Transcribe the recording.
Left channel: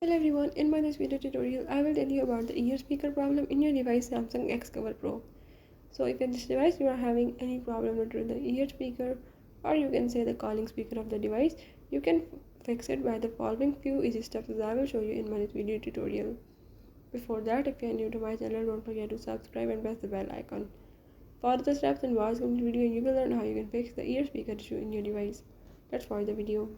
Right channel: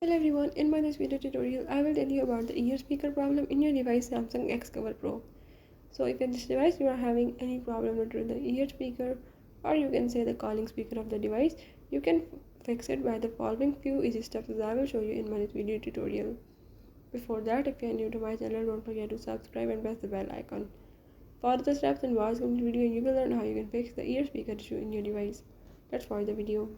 Hello everyone, in my this video tutorial, I will tell you about the ear speaker problem in your device Samsung Xcover Pro. So if in this device you are having any problem with the ear speaker, or you can say the calling speaker of the device, you can fix it by the following few easy steps that I will show you in my this video tutorial. Before that, if you are new to my channel, don't forget to subscribe and press the bell icon. Follow the steps and watch the video and you will learn how you can fix the ear speaker issue in your device. Let's watch the video.